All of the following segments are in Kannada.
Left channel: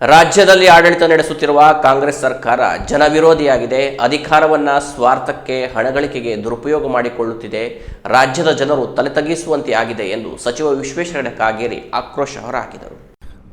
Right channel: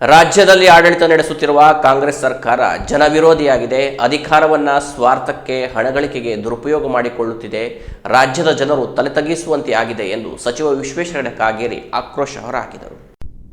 ರಾಜ್ಯದಲ್ಲಿ ಆಡಳಿತ ನಡೆಸುತ್ತಿರುವ ಕಾಂಗ್ರೆಸ್ ಸರ್ಕಾರ ಜನವಿರೋಧಿಯಾಗಿದೆ. ಅಧಿಕಾರವನ್ನ ಸ್ವಾರ್ಥಕ್ಕೆ, ಹಣಗಳಿಕೆಗೆ ದುರುಪಯೋಗ ಮಾಡಿಕೊಳ್ಳುತ್ತಿದೆ. ರಾಜ್ಯದ ಜನರು ತಲೆತಗ್ಗಿಸುವಂತೆ ಆಗಿದೆ ಎಂದು ಸಚಿವ ವಿಶ್ವೇಶ್ವರ ಕಾಗೇರಿ ಆಕ್ರೋಶ ಹೊರಹಾಕಿದರು.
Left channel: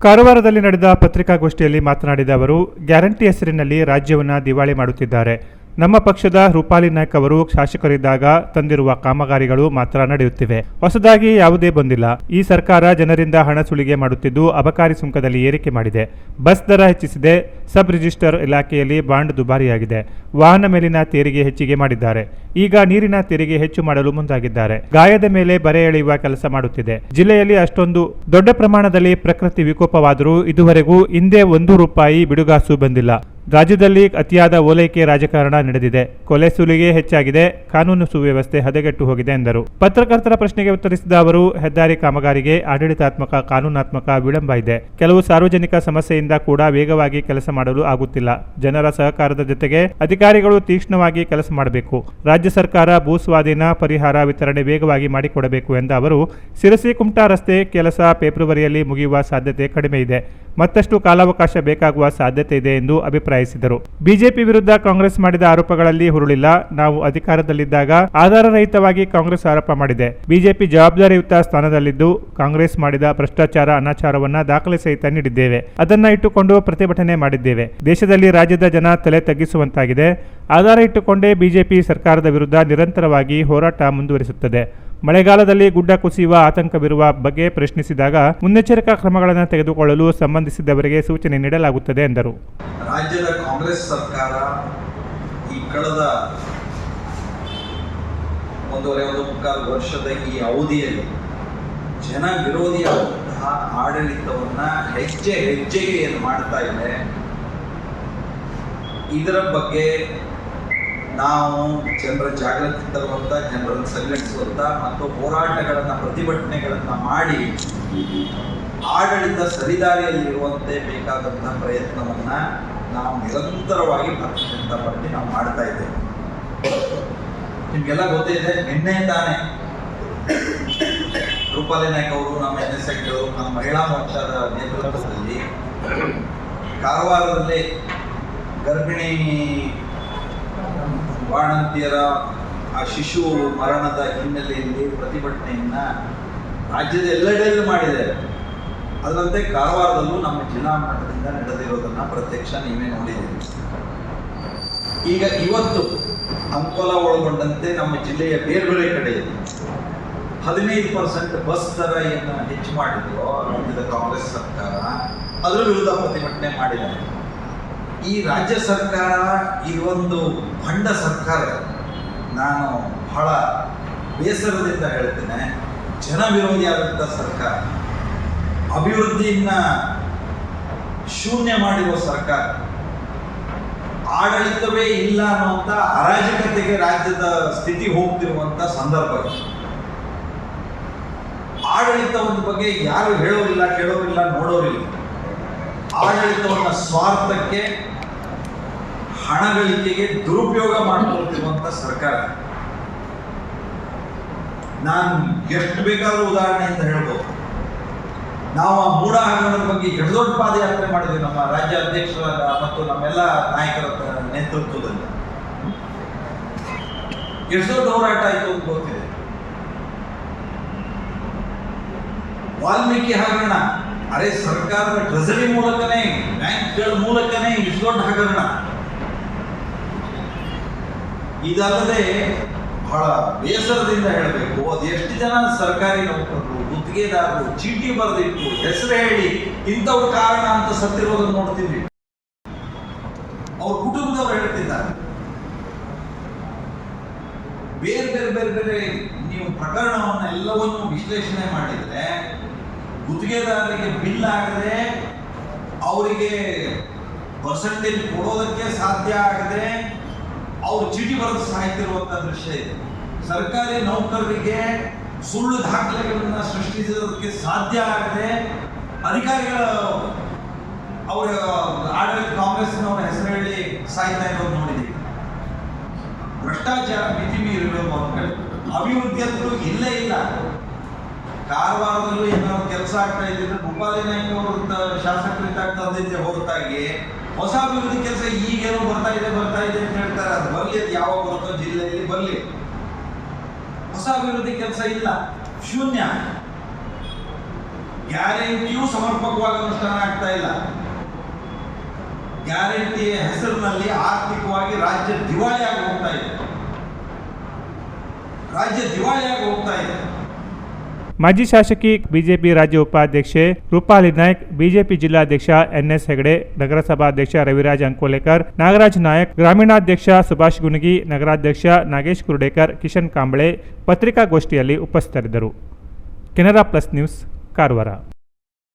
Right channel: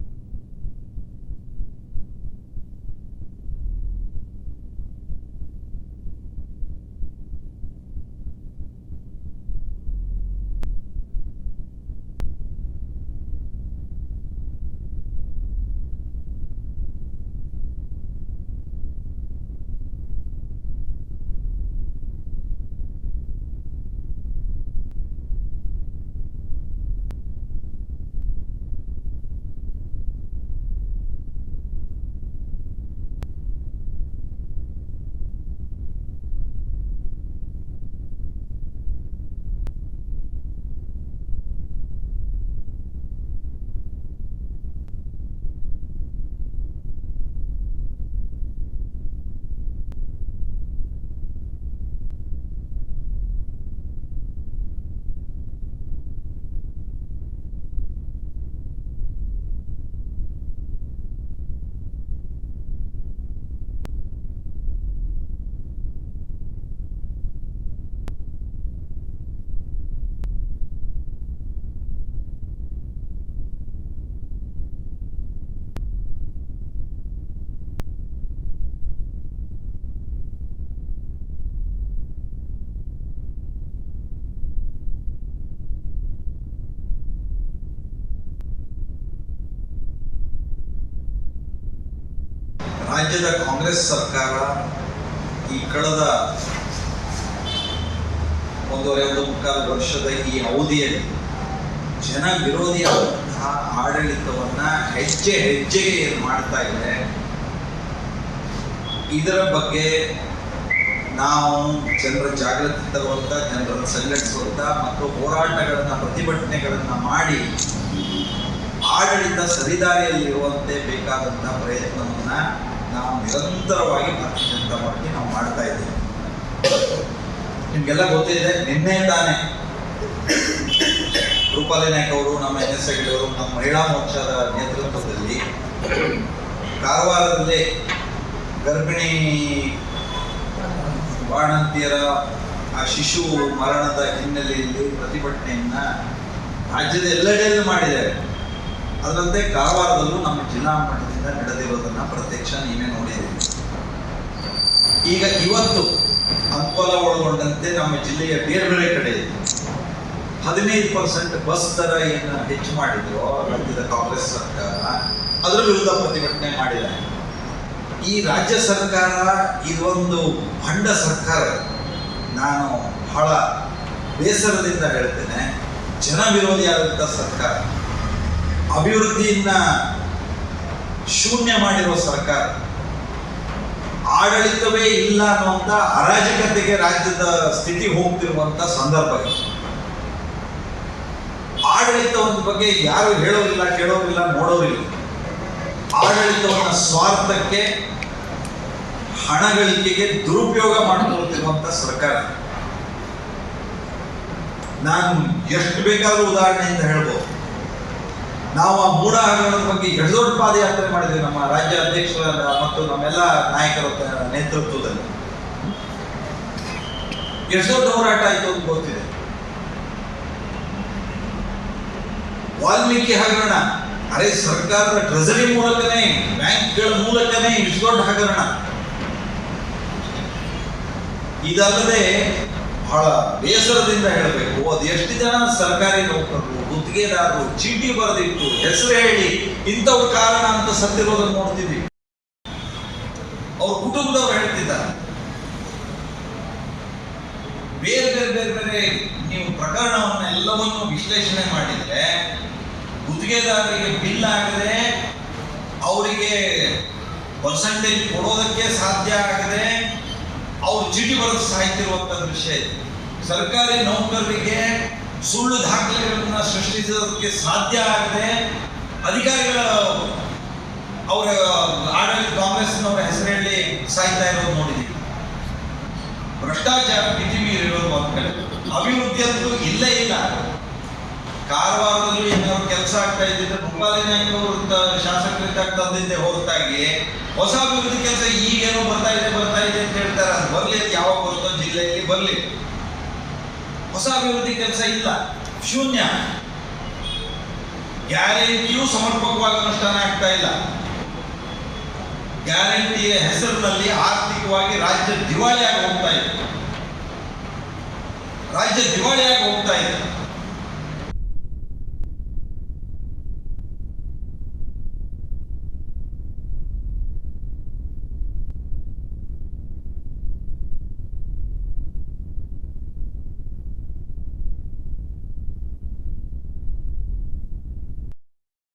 ಕಾರವಾರದಲ್ಲಿ ನಡೆದ ಪತ್ರಿಕಾಗೋಷ್ಠಿಯಲ್ಲಿ ಮಾತನಾಡಿದ ಅವರು, ಗ್ಯಾರಂಟಿ ಹೆಸರಿನಲ್ಲಿ ರಾಜ್ಯವನ್ನು ದಿವಾಳಿ ಮಾಡುತ್ತಿದ್ದಾರೆ. ನಮ್ಮ ಪಕ್ಷದ ರೂಪಾಲಿ ನಾಯ್ಕ್ ಅವರು ಶಾಸಕರಿದ್ದಾಗ ತಂದಿರುವ ಕಾಮಗಾರಿಗಳು ಮಾತ್ರ ನಡೆಯುತ್ತಿವೆ. ಹೊಸದಾಗಿ ಯಾವುದೇ ಬಂದಿಲ್ಲ. ಈ ಸರ್ಕಾರ ಜನರಿಂದ ಹಣ ಸುಲಿಗೆ ಮಾಡುತ್ತಿದ್ದು ಅಬಕಾರಿ ಸುಂಕದಲ್ಲಿ ಏರಿಕೆ ಮಾಡಿದೆ. ಬಸ್ ದರ ಹೆಚ್ಚಿಸಿದೆ. ಸಬ್ ರಿಜಿಸ್ಟರ್ ಇಲಾಖೆಯಲ್ಲಿ ಬಾಂಡ್ ದುಬಾರಿಯಾಗಿದೆ. ವಾಹನ ಮೇಲಿನ ತೆರಿಗೆ ಹೆಚ್ಚಿಗೆ ಮಾಡಿದ್ದಾರೆ. ಈಗ ನೀರಿನ ತೆರಿಗೆ ಹೆಚ್ಚು ಮಾಡಲು ಮುಂದಾಗಿದ್ದಾರೆ. ಗಾಯದ ಮೇಲೆ ಬರೆ ಎಳೆಯುವ ಕೆಲಸ ಮಾಡುತ್ತಿದೆ. ಜಿಲ್ಲೆಯಲ್ಲಿ ಅಷ್ಟೊಂದು ದೊಡ್ಡ ಪ್ರಮಾಣದಲ್ಲಿ ಪ್ರಕೃತಿ ವಿಕೋಪವಾದರೂ ಇದುವರೆಗೂ ಹಿಂದೆ ₹1 ಬಿಡುಗಾಸು ಬಂದಿಲ್ಲ. ರಾಜ್ಯದಲ್ಲಿ ಅತಿಯಾದ ಓಲೈಕೆ ರಾಜಕಾರಣ ನಡೆದಿದೆ. ಕೊಲೆ ಸುಲಿಗೆ ಹೆಚ್ಚಾಗಿದೆ. ಕಾನೂನು ಸುವ್ಯವಸ್ಥೆ ಹದಗೆಟ್ಟು ಹೋಗಿದೆ ಎಂದರು. ಪತ್ರಕರ್ತರ ಪ್ರಶ್ನೆಗೆ ಉತ್ತರಿಸಿದ ಅವರು, ಹೆದ್ದಾರಿ ಕಾಮಗಾರಿಗೆ ಆಡಳಿತಾತ್ಮಕ, ಕಾನೂನಾತ್ಮಕ ವಿಳಂಬ ಇದೆ. ಕೆಲವು ಸಾರ್ವಜನಿಕ ಸಮಸ್ಯೆಯಿಂದ ಕೂಡ ವೇಗವಾಗಿ ಕೆಲಸ ಮಾಡಲು ಆಗುತ್ತಿಲ್ಲ. ಜನರ ಸಹಕಾರದ ಜೊತೆಗೆ ಅಧಿಕಾರಿಗಳು ತೀಕ್ಷ್ಣವಾಗಿ ಕೆಲಸ ಮಾಡಬೇಕು. ರಾಜ್ಯ ಸರ್ಕಾರ ಭೂ ಸ್ವಾಧೀನ ಪರಿಹಾರ ವಿತರಣೆ ವೇಗವಾಗಿ ಮಾಡಿಕೊಡಬೇಕು ಎಂದ ಅವರು, ಶಿರಸಿ ಕುಮಟಾ ರಸ್ತೆ ಕೆಲಸ ಫೆಬ್ರವರಿಯಲ್ಲಿ ಮುಗಿಯುವ ಸಾಧ್ಯತೆ ಕಡಿಮೆ ಇದೆ. ಮತ್ತಷ್ಟು ಕಾಲಾವಕಾಶ ಬೇಕಾಗುವ ಸಾಧ್ಯತೆ ಇದೆ ಎಂದು ಅಭಿಪ್ರಾಯಿಸಿದರು. ಬಿಜೆಪಿ ವಿರುದ್ಧ ಕಾಂಗ್ರೆಸ್ ಮಾಡಿದ ಆರೋಪಗಳಲ್ಲಿ ಹುರುಳಿಲ್ಲ. ನಾವು ಅಧಿಕಾರದಲ್ಲಿದ್ದಾಗ ಆಧಾರರಹಿತವಾಗಿ ಕಾಂಗ್ರೆಸ್ ಆರೋಪ ಮಾಡಿದೆ. ಬಿಜೆಪಿ ಜವಾಬ್ದಾರಿಯುತ ಸ್ಥಾನದಲ್ಲಿದ್ದು ಕಾಂಗ್ರೆಸ್ ಮಾಡಿದ ಭ್ರಷ್ಟಾಚಾರ, ಅನಾಚಾರವನ್ನ ದಾಖಲೆ ಸಹಿತ ನೀಡಿದ್ದೇವೆ. ಅದನ್ನ ಇಟ್ಟುಕೊಂಡು ಪ್ರತಿಭಟನೆ ಮಾಡಿದ್ದೇವೆ. ದೇಶದಲ್ಲಿ ರಾಜ್ಯದ ಜನ ತಲೆ ತಗ್ಗಿಸುವಂತಾಗಿದೆ. ಆಧಾರ ಇಟ್ಟುಕೊಂಡೇ ಬಿಜೆಪಿ ಸರ್ಕಾರದ ವಿರುದ್ಧ ನಿರಂತರವಾಗಿ ಹೋರಾಟ ಮುಂದುವರಿಸುತ್ತದೆ. ಮಳೆಗಾಲದಲ್ಲಿ ಗುಡ್ಡ ಕುಸಿಯುವ ಆತಂಕವಿರುವ ಬಗ್ಗೆ ಪ್ರಶ್ನಿಸಿದಾಗ ಮುನ್ನೆಚ್ಚರಿಕಾ ಕ್ರಮಗಳನ್ನು ತೆಗೆದುಕೊಳ್ಳಲು ಸಂಬಂಧಿಸಿದವರಿಗೆ ಸೂಚನೆ ನೀಡಲಾಗುತ್ತದೆ ಎಂದರು. ರಾಜ್ಯದ ಕಾಂಗ್ರೆಸ್ ಸರ್ಕಾರ ಈ ಕಳೆದ 1.5 ವರ್ಷದ ಈ ಅವಧಿಯಲ್ಲಿ ಜನ ವಿರೋಧಿಯಾದಂತಹ ಆಡಳಿತವನ್ನ ಹೆಜ್ಜೆ ಹೆಜ್ಜೆಗೆ ಏನು ಮಾಡ್ತಾ ಇದೆ, ಇದರ ಬಗ್ಗೆ ನಾವು ಜನರ ಜಾಗೃತಿ ತರುವಂತ, ಜನರನ್ನು ಸಂಘಟಿಸುವಂತ ಮತ್ತು ಹೋರಾಟಗಳನ್ನು, ಪ್ರತಿಭಟನೆಗಳನ್ನು ಮಾಡಿ ಆಡಳಿತ ಸರಿದಾರಿಯಲ್ಲಿರುವಂತೆ ಬೇಕಾದಂತಹ ಪ್ರಯತ್ನವನ್ನ ನಾವು ನಿರಂತರವಾಗಿ ಭಾರತೀಯ ಜನತಾ ಪಾರ್ಟಿ ನಾವು ಮಾಡ್ತಾ ಇದ್ದೇವೆ. ನಿಮ್ಗೆಲ್ಲ ಗೊತ್ತಿದೆ, ನಿನ್ನೆ ತಾನೇ ರೂಪಾಲಿ ನಾಯ್ಕ್ ಅವರು, ನಮ್ಮ NSI ಅವರು, ನಮ್ಮ ಮಹಿಳಾ ಮೋರ್ಚಾದ ನೇತೃತ್ವದಲ್ಲಿ ಕಾರವಾರದಲ್ಲಿ ಗರ್ಭಿಣಿ ಬಾಣಂತಿಯರ ಆ ಶಿಶು ಮರಣದ ಹಿನ್ನೆಲೆಯಲ್ಲಿ ಪ್ರತಿಭಟನೆಯನ್ನ ರಾಜ್ಯದ ಎಲ್ಲೆಡೆಯಲ್ಲೂ ಮಾಡಿದ್ದೇವೆ. ಅದರಂತೆ ಕಾರವಾರದಲ್ಲೂ ನಮ್ಮ ಜಿಲ್ಲಾ ಮಟ್ಟದಿಂದ ನಡೆದಿರೋದನ್ನ ಪ್ರತ್ಯಕ್ಷ ನೀವೇ ನೋಡಿದ್ದೀವಿ. ಈಗ ಇವತ್ತು ಅಂಕೋಲ ಒಳಗೊಂಡಂತೆ ನಮ್ಮ ಜಿಲ್ಲೆಯ ಬೇರೆ ಬೇರೆ ಕಡೆ 15% ಬಸ್ ದರ ಏನು ಹೆಚ್ಚು ಮಾಡಿದ್ರು ರಾಜ್ಯದ ಕಾಂಗ್ರೆಸ್ ಸರ್ಕಾರ, ಅದರ ವಿರುದ್ಧ ಪ್ರತಿಭಟನೆ ಮಾಡಿದ್ದಾರೆ. ಈ ರಾಜ್ಯ ಸರ್ಕಾರ ಇದೊಂದು ಭಂಡ ಸರ್ಕಾರ. ನಾನು ಬಹಳ ಬೇಸರದಿಂದ ಹೇಳ್ತೇನೆ, ಜನ ವಿರೋಧಿಯಾದಂಥ ಸರ್ಕಾರ, ಅಭಿವೃದ್ಧಿಯನ್ನ ಶೂನ್ಯ ಮಾಡಿರುವ ಸರ್ಕಾರ, ಆಡಳಿತವೇ ಇಲ್ಲ ಅನ್ನುವಂಥ ಅರಾಜಕತೆಗೆ ರಾಜ್ಯದ ಸ್ಥಿತಿ ಹೋಗ್ತಿರುವಂಥ ಸಂದರ್ಭ ಇದೆ. ಆಡಳಿತದ ಬಗ್ಗೆ ಯಾರು ಹೇಳೋರಿಲ್ಲ, ಕೇಳೋರಿಲ್ಲ, ನೋಡೋರಿಲ್ಲ. ಆಡಳಿತವನ್ನು ಸ್ವಾರ್ಥಕ್ಕೆ, ಹಣಗಳಿಕೆಗೆ ದುರುಪಯೋಗ ಮಾಡಿಕೊಳ್ಳುತ್ತಿರುವಂಥ ಸರ್ಕಾರ. ನಾನು ಎಷ್ಟು ಬೇಕಾದರೂ ಉದಾಹರಣೆಯಿಂದ ಹೇಳ್ಬೋದು. ನಾವು ಆ ಮೂಢ ಹಗರಣದ ಬಗ್ಗೆ ಎಷ್ಟು ದೊಡ್ಡ ಪಾದಯಾತ್ರೆ ಮಾಡಿದ್ವಿ ನಮ್ಮ ರಾಜ್ಯ ಅಧ್ಯಕ್ಷರ ಮತ್ತು ನಮ್ಮೆಲ್ಲ ನಾಯಕರ ನೇತೃತ್ವದಲ್ಲಿ. ಎಷ್ಟು ದೊಡ್ಡ ಹೋರಾಟ ಆಯಿತು ಅಂತ ಗೊತ್ತಿದೆ. ವಾಲ್ಮೀಕಿ ಹಗರಣ, ಅರೆ ಸರ್ಕಾರದ ಟ್ರೆಸರಿ ಮೂಲಕನೇ, ಬ್ಯಾಂಕ್ಗಳ ಮೂಲಕನೇ ಇಷ್ಟು ದೊಡ್ಡ ಹಗರಣ. ಇದಲ್ಲದೆ ಬಹಳ ಬೇಸರದಿಂದ ಹೇಳಬೇಕು, ಅದು ಎಷ್ಟು ಜನ ಸರ್ಕಾರಿ ನೌಕರರು, ಗುತ್ತಿಗೆದಾರರು ಚೀಟಿ ಬರೆದಿಟ್ಟು ಹೆಸರು ಹೇಳಿ ಇಂಥವ್ರ ಕಾರಣ ಅಂತ ಸತ್ತಿರೋದನ್ನು ನೋಡ್ತಿದ್ದೀವಿ. ಅವ್ರ ಕುಟುಂಬದವ್ರು ಹೇಳ್ತಿದ್ದಾರೆ. ಬೇರೆ ಬೇರೆ ಬೇರೆ ಬೇರೆ ನೀವು ಪ್ರಕರಣವನ್ನ ಎಲ್ಲವನ್ನು ವಿಶ್ಲೇಷಣೆ ಮಾಡಿದ್ರೆ, ಗುತ್ತಿಗೆದಾರರಿಗೆ ಬಿಲ್ ಆಗದೆ ಅವರಿಗೆ ಪರ್ಸೆಂಟೇಜ್ ಕೊಡೋದಕ್ಕೆ ಸಾಧ್ಯ ಆಗದೆ ಅವರು ಚೀಟಿ ಬರೆದು ಸಾಯ್ತಿರುವಂತ ದೃಶ್ಯ ಇದೆ. ಸರ್ಕಾರಿ ನೌಕರರಿಗೆ ಸುಳ್ಳು ದಾಖಲೆಗಳನ್ನ ಸೃಷ್ಟಿಸೋದಕ್ಕೆ ಸಾಧ್ಯ ಆಗದೆ ಅಧಿಕಾರಿಗಳ ಅವರ ಆಡಳಿತ ಕಾಂಗ್ರೆಸ್ನವರ ಹೆಸರು ಹೇಳಿ ಸಾಯ್ತಾ ಇರೋದು ನೋಡಿದ್ದೀವಿ. ಭ್ರಷ್ಟಾಚಾರ ಮಿತಿ ಮೀರಿರೋದು ಒಂದು ಕಡೆ, ಅಭಿವೃದ್ಧಿ ಅಂತೂ ಇಲ್ಲೇ ಇಲ್ಲ. ಕಾರವಾರದಲ್ಲೂ ಏನಾದ್ರು ಕೆಲಸ ಆಗ್ತಾ ಇದ್ದಿದ್ರೆ ರೂಪಾಲಿ ನಾಯ್ಕ ಅವರು ಶಾಸಕರಿದ್ದಾಗ ತಂದಿದ್ದೆ ಹೊರತಾಗಿ ಹೊಸ ಅಭಿವೃದ್ಧಿ ಕೆಲಸ ಈಗೇನೋ ಬರ್ತಾ ಇದೆ ಅಂತ ಹೇಳ್ತಾರೆ. ಅದು ಬರಲಿ, ಅದು ಯಾವಾಗ ಬರುತ್ತೋ ಜಿಲ್ಲೆಯಲ್ಲಿ ಬರಲಿ. ಹೊಸ ಅಭಿವೃದ್ಧಿ ಕೆಲಸ ಇಲ್ಲ, ಶೂನ್ಯ. ಗ್ಯಾರಂಟಿಯೂ ಸಮರ್ಪಕವಾಗಿ ಅನುಷ್ಠಾನ ಆಗ್ತಾ ಇಲ್ಲ. ಗ್ಯಾರಂಟಿಯ ಹೆಸರಿನಲ್ಲಿ ಆರ್ಥಿಕವಾಗಿ ರಾಜ್ಯ ದಿವಾಳಿಯಾಗಿ ಹೋಗ್ತಾ ಇದೆ. ಮಾಜಿ ಶಾಸಕಿ ಬಿಜೆಪಿ ರಾಜ್ಯ ಉಪಾಧ್ಯಕ್ಷೆ ರೂಪಾಲಿ ನಾಯ್ಕ್, ಬಿಜೆಪಿ ಜಿಲ್ಲಾಧ್ಯಕ್ಷ ಎನ್ಎಸ್ ಹೆಗಡೆ, ನಗರಸಭಾಧ್ಯಕ್ಷ ರವಿರಾಜ್ ಅಂಕೋಲೇಕರ್, ನಾಗರಾಜ್ ನಾಯಕ್, ಗ್ರಾಮೀಣಾಧ್ಯಕ್ಷ ಸುಭಾಷ್ ಗುಣಗಿ, ನಗರಾಧ್ಯಕ್ಷ ನಾಗೇಶ್ ಕುರುಡೇಕರ್, ಕಿಶನ್ ಕಾಂಬಳೆ ಪತ್ರಿಕಾಗೋಷ್ಠಿಯಲ್ಲಿ ಉಪಸ್ಥಿತರಿದ್ದರು. Canara plus news, Karwar.